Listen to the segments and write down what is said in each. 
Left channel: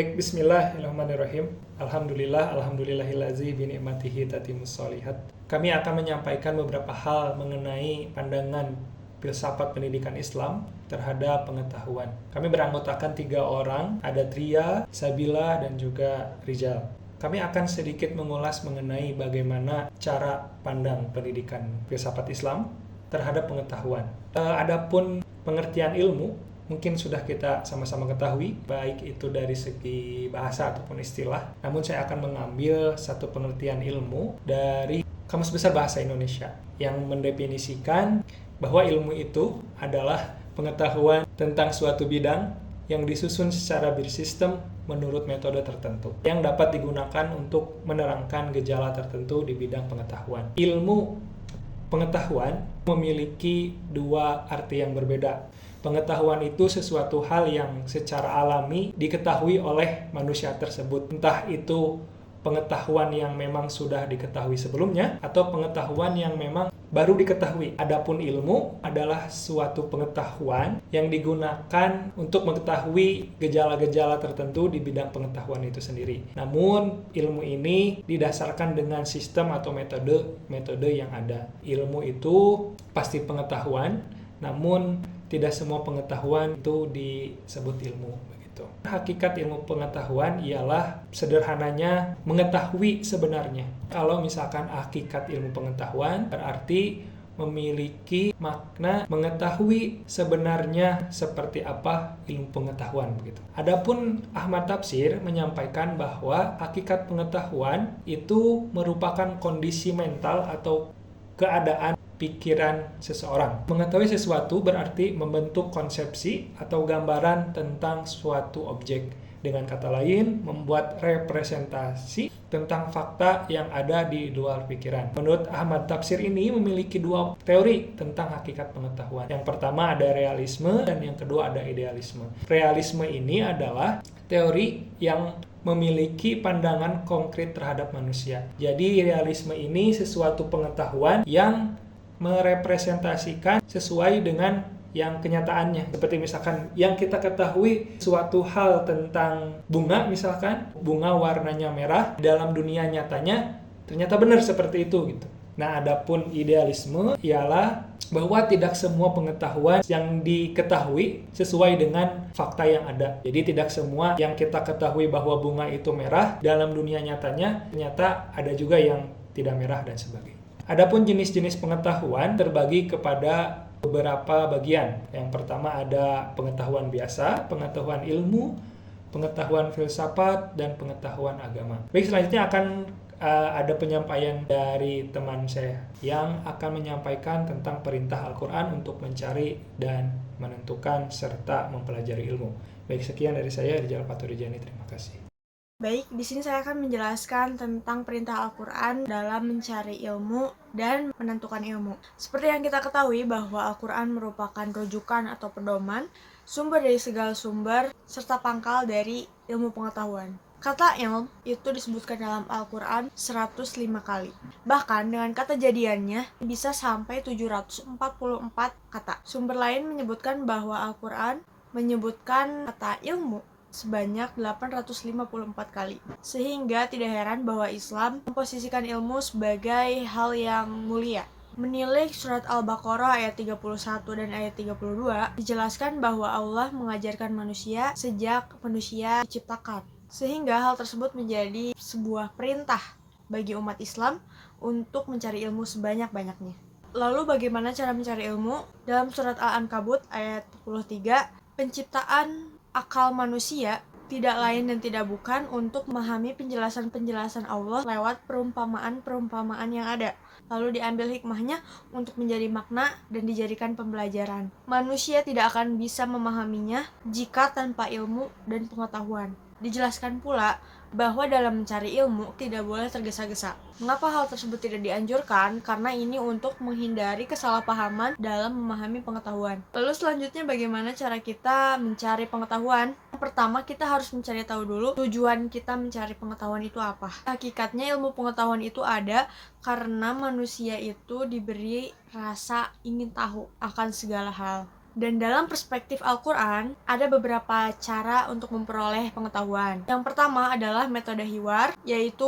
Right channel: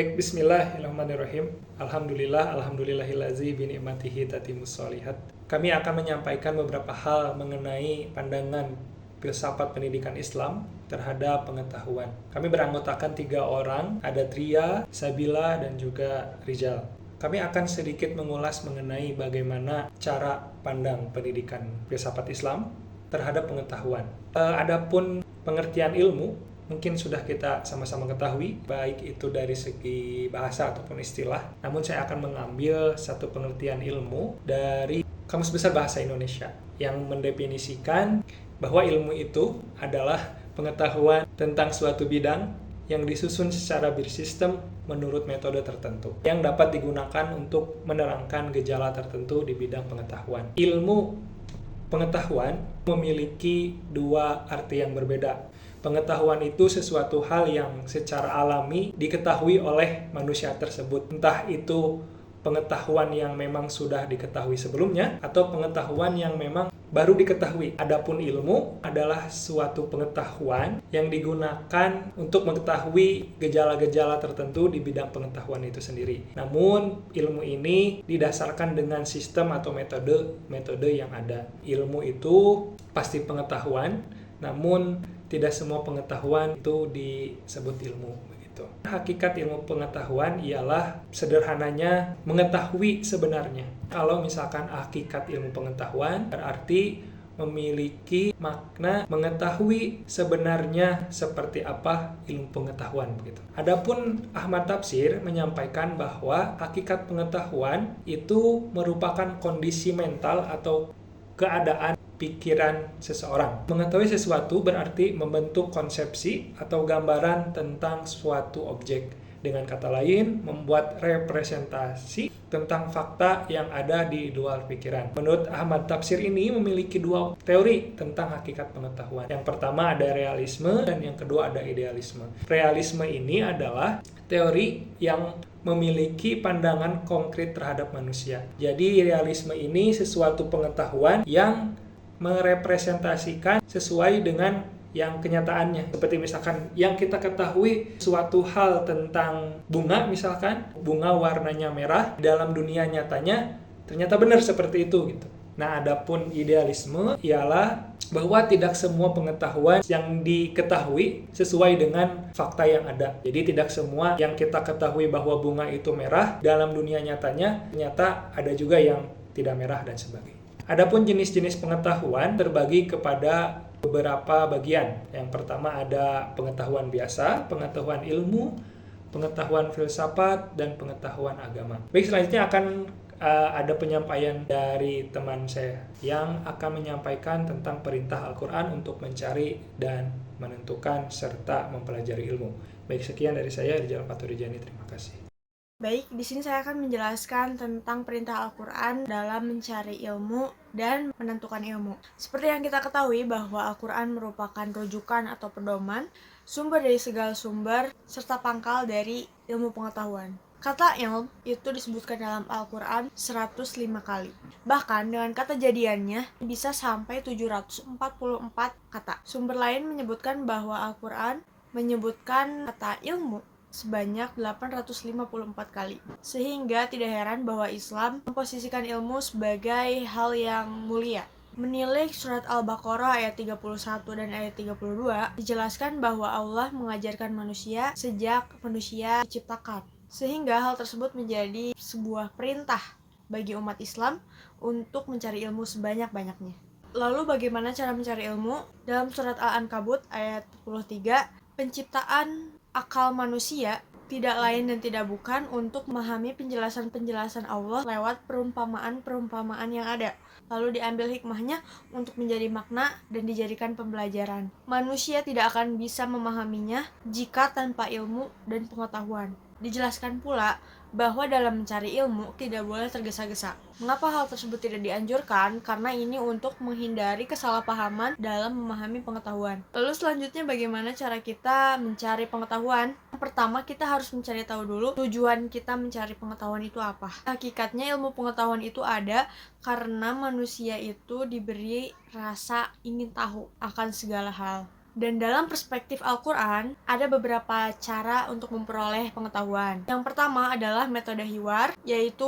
Baik, bismillahirrahmanirrahim. Alhamdulillahillazi bi ni'matihi tatimmus sholihat. Kami akan menyampaikan beberapa hal mengenai pandangan filsafat pendidikan Islam terhadap pengetahuan. Kami beranggotakan 3 orang, ada Tria, Sabila, dan juga Rizal. Kami akan sedikit mengulas mengenai bagaimana cara pandang pendidikan filsafat Islam terhadap pengetahuan. Adapun pengertian ilmu, mungkin sudah kita sama-sama ketahui, baik itu dari segi bahasa ataupun istilah. Namun saya akan mengambil satu pengertian ilmu dari Kamus Besar Bahasa Indonesia yang mendefinisikan bahwa ilmu itu adalah pengetahuan tentang suatu bidang yang disusun secara bersistem menurut metode tertentu yang dapat digunakan untuk menerangkan gejala tertentu di bidang pengetahuan. Ilmu pengetahuan memiliki 2 arti yang berbeda. Pengetahuan itu sesuatu hal yang secara alami diketahui oleh manusia tersebut. Entah itu pengetahuan yang memang sudah diketahui sebelumnya atau pengetahuan yang memang baru diketahui. Adapun ilmu adalah suatu pengetahuan yang digunakan untuk mengetahui gejala-gejala tertentu di bidang pengetahuan itu sendiri. Namun ilmu ini didasarkan dengan sistem atau metode yang ada. Ilmu itu pasti pengetahuan, namun tidak semua pengetahuan itu disebut ilmu. Begitu. Hakikat ilmu pengetahuan ialah sederhananya mengetahui sebenarnya. Kalau misalkan hakikat ilmu pengetahuan berarti memiliki makna mengetahui sebenarnya seperti apa ilmu pengetahuan begitu. Adapun Ahmad Tafsir menyampaikan bahwa hakikat pengetahuan itu merupakan kondisi mental atau keadaan pikiran seseorang. Mengetahui sesuatu berarti membentuk konsepsi atau gambaran tentang suatu objek. Dengan kata lain, membuat representasi tentang fakta yang ada di luar pikiran. Menurut Ahmad Tafsir ini memiliki 2 teori tentang hakikat pengetahuan. Yang pertama ada realisme dan yang kedua ada idealisme. Realisme ini adalah teori yang memiliki pandangan konkret terhadap manusia. Jadi realisme ini sesuatu pengetahuan yang merepresentasikan sesuai dengan yang kenyataannya. Seperti misalkan yang kita ketahui suatu hal tentang bunga, misalkan bunga warnanya merah, dalam dunia nyatanya ternyata benar seperti itu gitu. Nah, adapun idealisme ialah bahwa tidak semua pengetahuan yang diketahui sesuai dengan fakta yang ada. Jadi tidak semua yang kita ketahui bahwa bunga itu merah dalam dunia nyatanya ternyata ada juga yang tidak merah dan sebagainya. Adapun jenis-jenis pengetahuan terbagi kepada beberapa bagian. Yang pertama ada pengetahuan biasa, pengetahuan ilmu, pengetahuan filsafat, dan pengetahuan agama. Baik, selanjutnya akan ada penyampaian dari teman saya yang akan menyampaikan tentang perintah Al-Quran untuk mencari dan menentukan serta mempelajari ilmu. Baik, sekian dari saya, Rizal Paturijani. Terima kasih. Baik, di sini saya akan menjelaskan tentang perintah Al-Quran dalam mencari ilmu dan menentukan ilmu. Seperti yang kita ketahui bahwa Al-Quran merupakan rujukan atau pedoman, sumber dari segala sumber, serta pangkal dari ilmu pengetahuan. Kata ilm itu disebutkan dalam Al-Quran 105 kali. Bahkan dengan kata jadiannya bisa sampai 744 kata. Sumber lain menyebutkan bahwa Al-Quran menyebutkan kata ilmu sebanyak 854 kali. Sehingga tidak heran bahwa Islam memposisikan ilmu sebagai hal yang mulia. Menilik surat Al-Baqarah ayat 31 dan ayat 32 dijelaskan bahwa Allah mengajarkan manusia sejak manusia diciptakan. Sehingga hal tersebut menjadi sebuah perintah bagi umat Islam untuk mencari ilmu sebanyak-banyaknya. Lalu bagaimana cara mencari ilmu? Dalam surat Al-Ankabut ayat 43, penciptaan akal manusia tidak lain dan tidak bukan untuk memahami penjelasan-penjelasan Allah lewat perumpamaan-perumpamaan yang ada. Lalu diambil hikmahnya untuk menjadi makna dan dijadikan pembelajaran. Manusia tidak akan bisa memahaminya jika tanpa ilmu dan pengetahuan. Dijelaskan pula bahwa dalam mencari ilmu tidak boleh tergesa-gesa. Mengapa hal tersebut tidak dianjurkan? Karena ini untuk menghindari kesalahpahaman dalam memahami pengetahuan. Lalu selanjutnya bagaimana cara kita mencari pengetahuan? Yang pertama, kita harus mencari tahu dulu tujuan kita mencari pengetahuan itu apa. Hakikatnya ilmu pengetahuan itu ada karena manusia itu diberi rasa ingin tahu akan segala hal. Dan dalam perspektif Al-Quran, ada beberapa cara untuk memperoleh pengetahuan. Yang pertama adalah metode hiwar, yaitu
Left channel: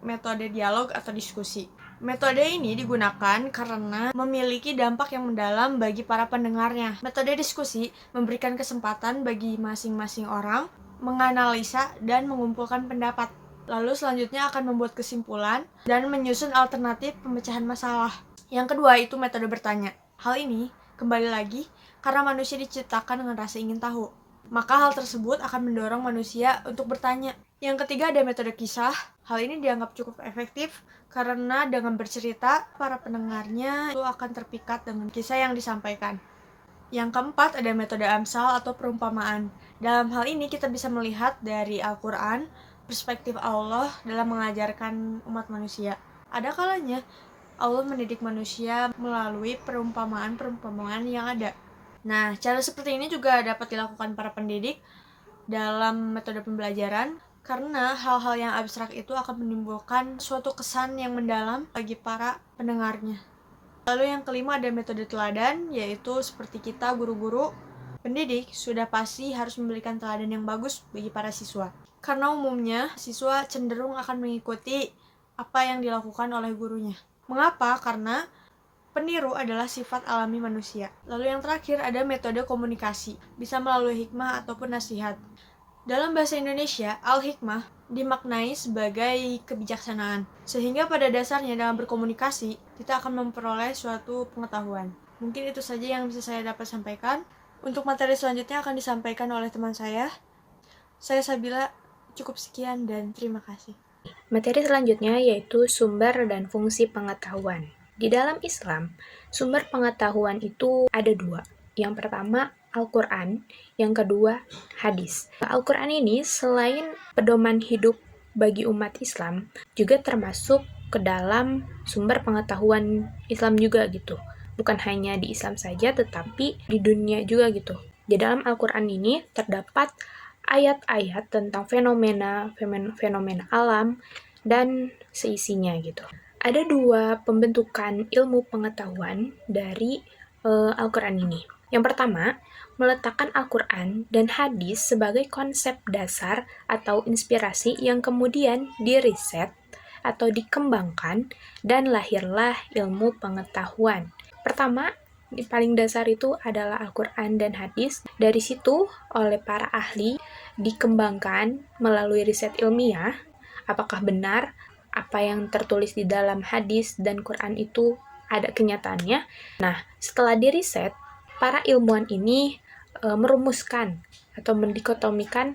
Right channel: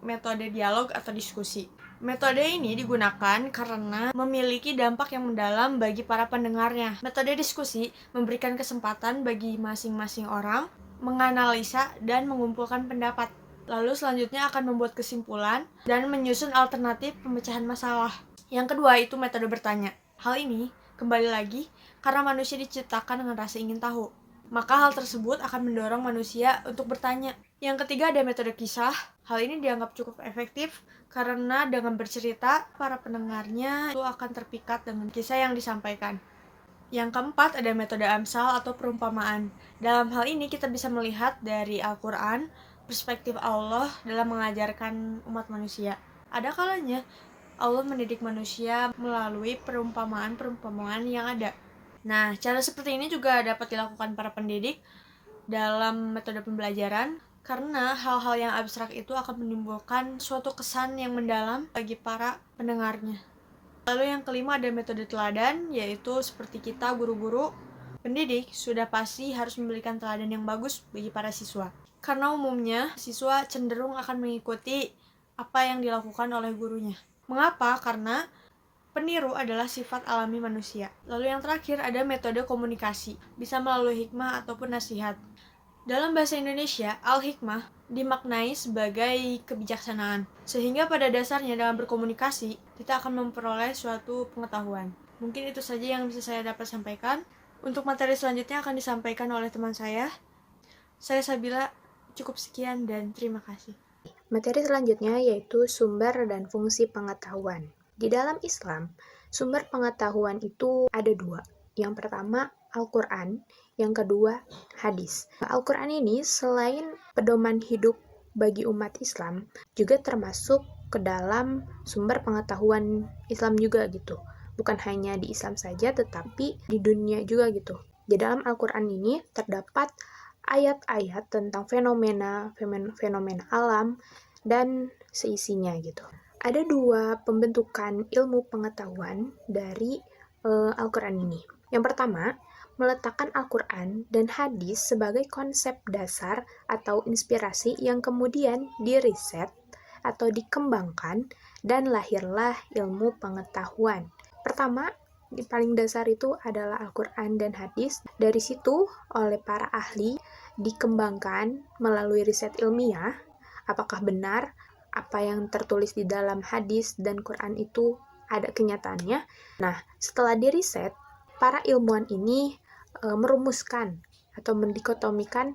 metode dialog atau diskusi. Metode ini digunakan karena memiliki dampak yang mendalam bagi para pendengarnya. Metode diskusi memberikan kesempatan bagi masing-masing orang menganalisa dan mengumpulkan pendapat. Lalu selanjutnya akan membuat kesimpulan dan menyusun alternatif pemecahan masalah. Yang kedua itu metode bertanya. Hal ini kembali lagi karena manusia diciptakan dengan rasa ingin tahu. Maka hal tersebut akan mendorong manusia untuk bertanya. Yang ketiga ada metode kisah. Hal ini dianggap cukup efektif karena dengan bercerita, para pendengarnya itu akan terpikat dengan kisah yang disampaikan. Yang keempat ada metode amsal atau perumpamaan. Dalam hal ini kita bisa melihat dari Al-Quran, perspektif Allah dalam mengajarkan umat manusia. Ada kalanya Allah mendidik manusia melalui perumpamaan-perumpamaan yang ada. Nah, cara seperti ini juga dapat dilakukan para pendidik dalam metode pembelajaran karena hal-hal yang abstrak itu akan menimbulkan suatu kesan yang mendalam bagi para pendengarnya. Lalu yang kelima ada metode teladan, yaitu seperti kita guru-guru pendidik sudah pasti harus memberikan teladan yang bagus bagi para siswa. Karena umumnya siswa cenderung akan mengikuti apa yang dilakukan oleh gurunya. Mengapa? Karena peniru adalah sifat alami manusia. Lalu yang terakhir ada metode komunikasi, bisa melalui hikmah ataupun nasihat. Dalam bahasa Indonesia, al-hikmah dimaknai sebagai kebijaksanaan. Sehingga pada dasarnya dalam berkomunikasi, kita akan memperoleh suatu pengetahuan. Mungkin itu saja yang bisa saya dapat sampaikan. Untuk materi selanjutnya akan disampaikan oleh teman saya. Saya Sabila, cukup sekian dan terima kasih. Materi selanjutnya yaitu sumber dan fungsi pengetahuan. Di dalam Islam, sumber pengetahuan itu ada dua. Yang pertama, Al-Quran. Yang kedua, hadis. Al-Quran ini selain pedoman hidup bagi umat Islam, juga termasuk ke dalam sumber pengetahuan Islam juga gitu. Bukan hanya di Islam saja, tetapi di dunia juga gitu. Di dalam Al-Quran ini terdapat ayat-ayat tentang fenomena alam dan seisinya gitu. Ada dua pembentukan ilmu pengetahuan dari Al-Quran ini. Yang pertama, meletakkan Al-Quran dan hadis sebagai konsep dasar atau inspirasi yang kemudian diriset atau dikembangkan dan lahirlah ilmu pengetahuan. Pertama, paling dasar itu adalah Al-Quran dan hadis. Dari situ, oleh para ahli dikembangkan melalui riset ilmiah, apakah benar apa yang tertulis di dalam hadis dan Quran itu ada kenyataannya. Nah, setelah diriset, para ilmuwan ini merumuskan atau mendikotomikan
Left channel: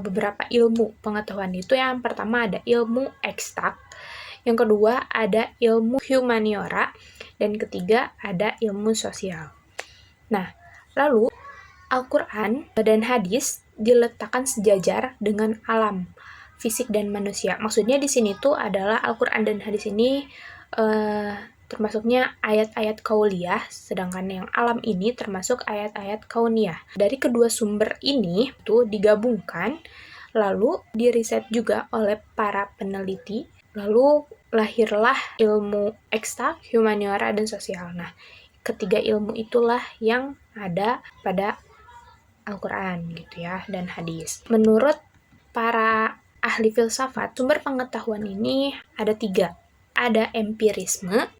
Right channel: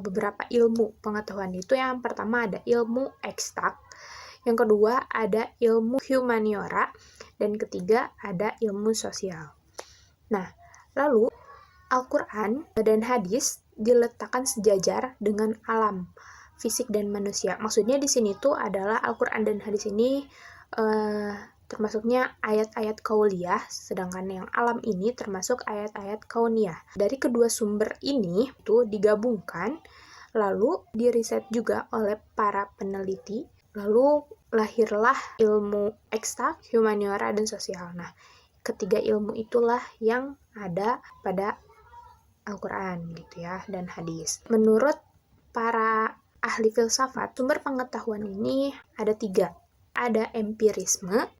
beberapa ilmu pengetahuan itu. Yang pertama ada ilmu eksak, yang kedua ada ilmu humaniora, dan ketiga ada ilmu sosial. Nah, lalu Al-Quran dan hadis diletakkan sejajar dengan alam, fisik dan manusia. Maksudnya di sini tuh adalah Al-Quran dan hadis ini termasuknya ayat-ayat kauliyah, sedangkan yang alam ini termasuk ayat-ayat kauniyah. Dari kedua sumber ini tuh digabungkan, lalu diriset juga oleh para peneliti, lalu lahirlah ilmu eksak, humaniora, dan sosial. Nah, ketiga ilmu itulah yang ada pada Al-Quran gitu ya, dan hadis. Menurut para ahli filsafat, sumber pengetahuan ini ada tiga. Ada empirisme,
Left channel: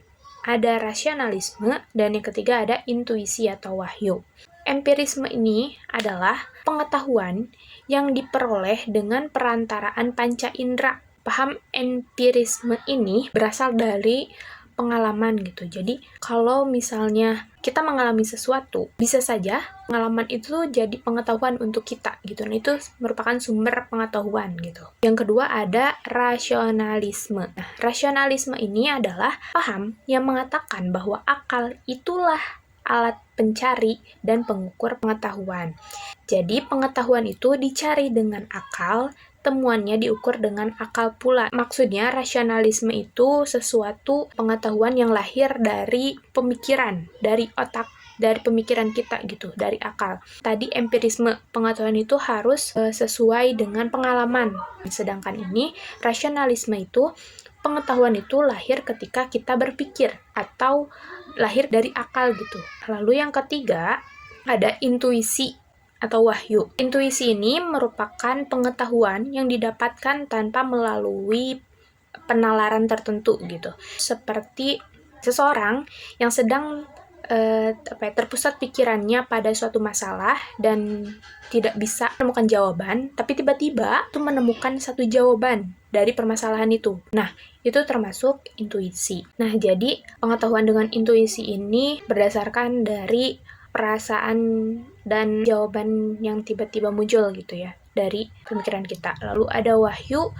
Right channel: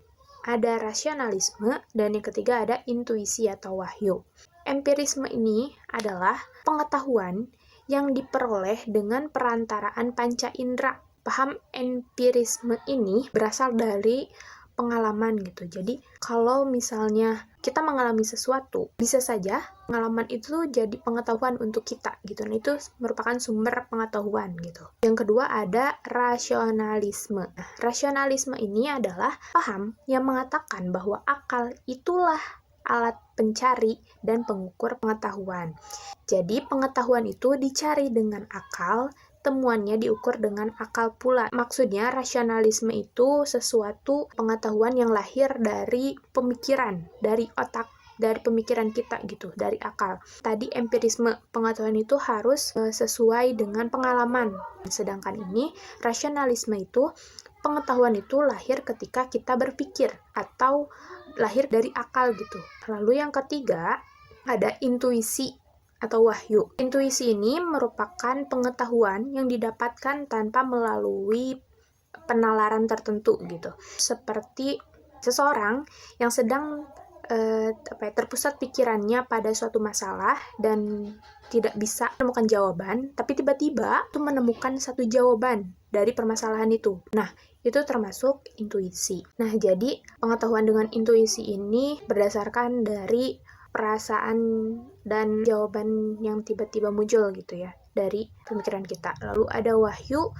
ada rasionalisme, dan yang ketiga ada intuisi atau wahyu. Empirisme ini adalah pengetahuan yang diperoleh dengan perantaraan panca indera. Paham empirisme ini berasal dari pengalaman gitu. Jadi kalau misalnya kita mengalami sesuatu, bisa saja pengalaman itu jadi pengetahuan untuk kita gitu. Nah, itu merupakan sumber pengetahuan gitu. Yang kedua ada rasionalisme. Nah, rasionalisme ini adalah paham yang mengatakan bahwa akal itulah alat pencari dan pengukur pengetahuan. Jadi pengetahuan itu dicari dengan akal, temuannya diukur dengan akal pula. Maksudnya rasionalisme itu sesuatu pengetahuan yang lahir dari pemikiran, dari otak, dari pemikiran kita gitu, dari akal. Tadi empirisme, pengetahuan itu harus sesuai dengan pengalaman. Sedangkan ini rasionalisme itu pengetahuan itu lahir ketika kita berpikir atau lahir dari akal gitu. Lalu yang ketiga ada intuisi atau wahyu. Intuisi ini merupakan pengetahuan yang didapatkan tanpa melalui penalaran tertentu gitu. Seperti seseorang yang sedang terpusat pikirannya pada suatu masalah dan tidak bisa menemukan jawaban, tapi tiba-tiba tuh menemukan satu jawaban dari permasalahan itu. Nah, itu termasuk intuisi. Nah, jadi pengetahuan dengan intuisi ini berdasarkan dari perasaan dan jawaban yang tiba-tiba muncul gitu ya dari pemikiran kita. Lalu ada wahyu.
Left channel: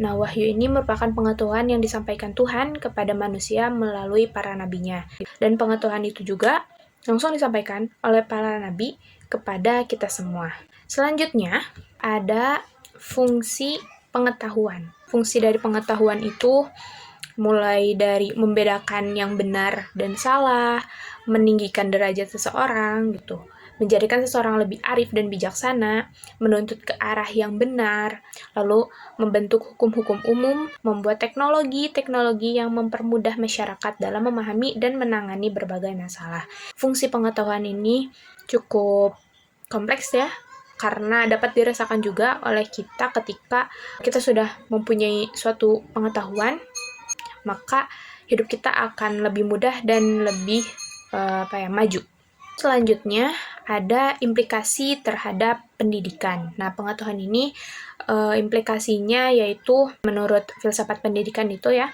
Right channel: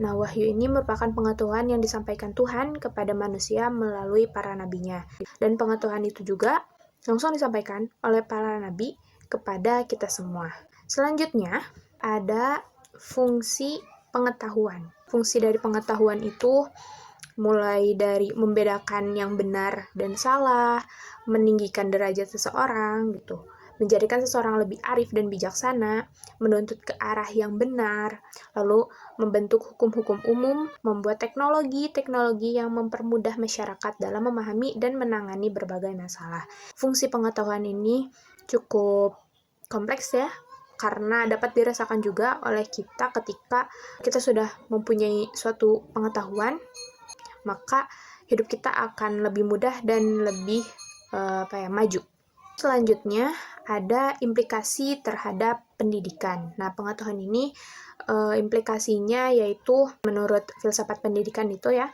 Nah, wahyu ini merupakan pengetahuan yang disampaikan Tuhan kepada manusia melalui para nabinya. Dan pengetahuan itu juga langsung disampaikan oleh para nabi kepada kita semua. Selanjutnya, ada fungsi pengetahuan. Fungsi dari pengetahuan itu mulai dari membedakan yang benar dan salah, meninggikan derajat seseorang gitu, menjadikan seseorang lebih arif dan bijaksana, menuntut ke arah yang benar, lalu membentuk hukum-hukum umum, membuat teknologi yang mempermudah masyarakat dalam memahami dan menangani berbagai masalah. Fungsi pengetahuan ini cukup kompleks ya, karena dapat dirasakan juga oleh kita ketika kita sudah mempunyai suatu pengetahuan, maka hidup kita akan lebih mudah dan lebih maju. Selanjutnya, ada implikasi terhadap pendidikan. Nah, pengetahuan ini implikasinya yaitu menurut filsafat pendidikan itu ya,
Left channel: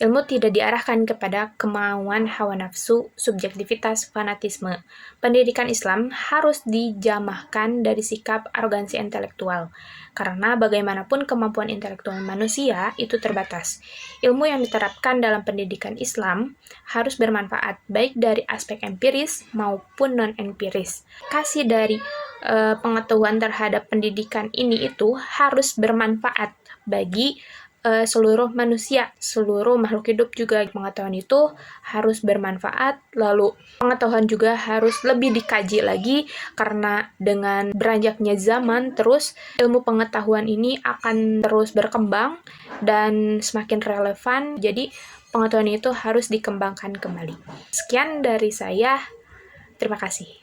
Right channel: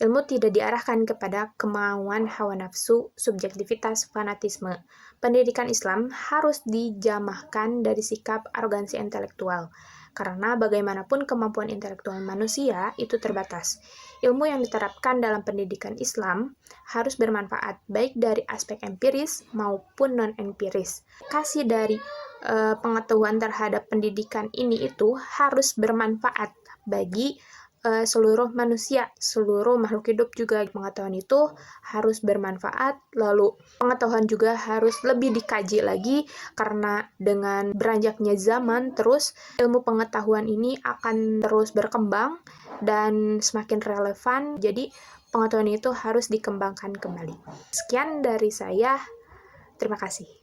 ilmu tidak diarahkan kepada kemauan hawa nafsu, subjektivitas, fanatisme. Pendidikan Islam harus dijamahkan dari sikap arogansi intelektual, karena bagaimanapun kemampuan intelektual manusia itu terbatas. Ilmu yang diterapkan dalam pendidikan Islam harus bermanfaat, baik dari aspek empiris maupun non-empiris. Kasih dari pengetahuan terhadap pendidikan ini itu harus bermanfaat bagi seluruh manusia, seluruh makhluk hidup juga. Pengetahuan itu harus bermanfaat, lalu pengetahuan juga harus lebih dikaji lagi, karena dengan beranjaknya zaman terus ilmu pengetahuan ini akan terus berkembang dan semakin relevan, jadi pengetahuan itu harus dikembangkan kembali. Sekian dari saya, terima kasih.